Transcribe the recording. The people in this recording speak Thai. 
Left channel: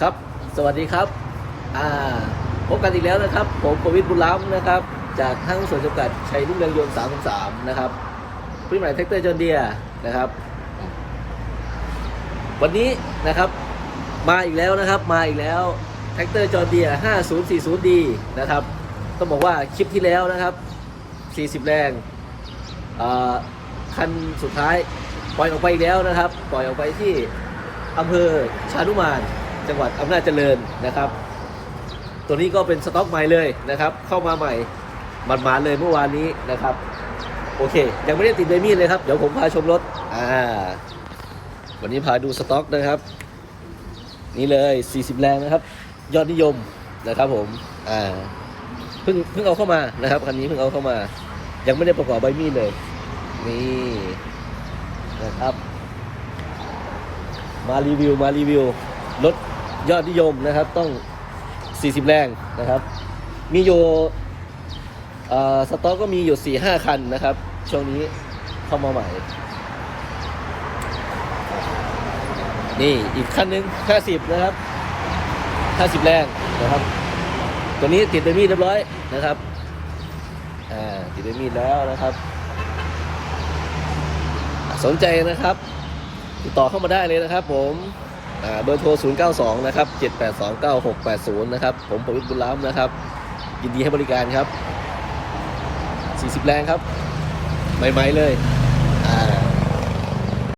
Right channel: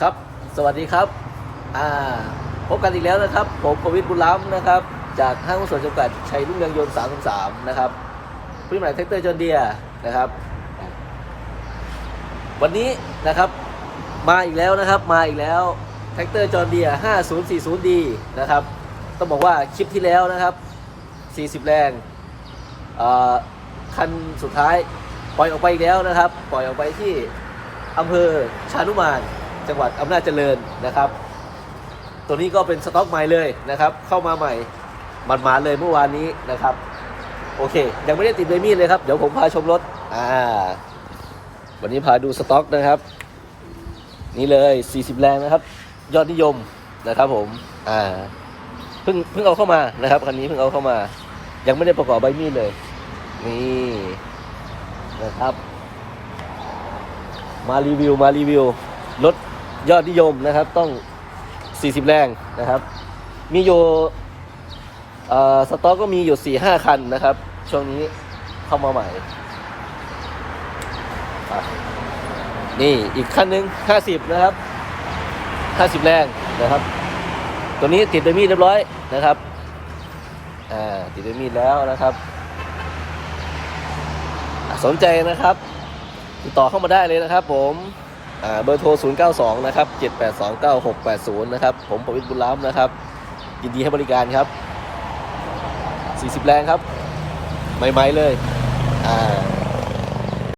ครับ สวัสดีครับอ่าพบกันอีกแล้วนะครับ ผมประวิตรบุญล้ำนะครับ จากห้างหุ้นส่วนจำกัดชัยรุ่งเรืองยนต์333นะครับผู้ใหม่แท็กเตอร์จอนเดียนะครับ วันนี้นะครับมาอีกแล้วนะครับมาอีกแล้วแท็กเตอร์จอห์นเดีย 5040D นะครับต้องบอกว่าคลิปที่แล้วนะครับ 40 แรงคันสุดท้ายปล่อยออกไปอีกแล้วนะครับ ปล่อยออกไปที่อำเภอชานุมาน จังหวัดอำนาจเจริญนะครับ ตัวนี้ก็เป็นสต็อกใหม่เลยนะครับ เข้ามาใหม่มันมาเลยเมื่อวานนี้นะครับ โอเค ยังไม่ได้ติดเบมี่เลยครับ เดี๋ยวผมพาชมรถอ่าวันนี้พาดูสต็อกนะครับ นี่เลย 40 แรงนะครับ ยอดนิยมนะครับผมอ่าเพิ่งเพิ่งเอาเข้ามานะครับคันนี้เพิ่งเอาเข้ามา ยังไม่ได้ประกอบใบมีดเลย นี่นะครับ มารีวิวมารีวิวรถ ยอดนิยมนะครับต้อง 40 แรงนะครับ มีอยู่สต็อกก็มีอยู่ 4-5 คันนะครับ ช่วงนี้เข้ามาใหม่ นี่อีกคันหนึ่ง50 นะครับ 50 แรงนะครับ ตัวนี้ติดเป็นมีดเรียบร้อยนะครับอ่าติดเป็นมีดแล้วนะครับ สนใจนะครับ ติดต่อเข้ามาได้เลยนะครับผม เบอร์โทร 092 นะครับ 7829680 นะครับ ผมประวิตรบุญล้ำนะครับ ยินดีให้บริการครับ 40 แรงครับ ใหม่ ๆ เลย อ่า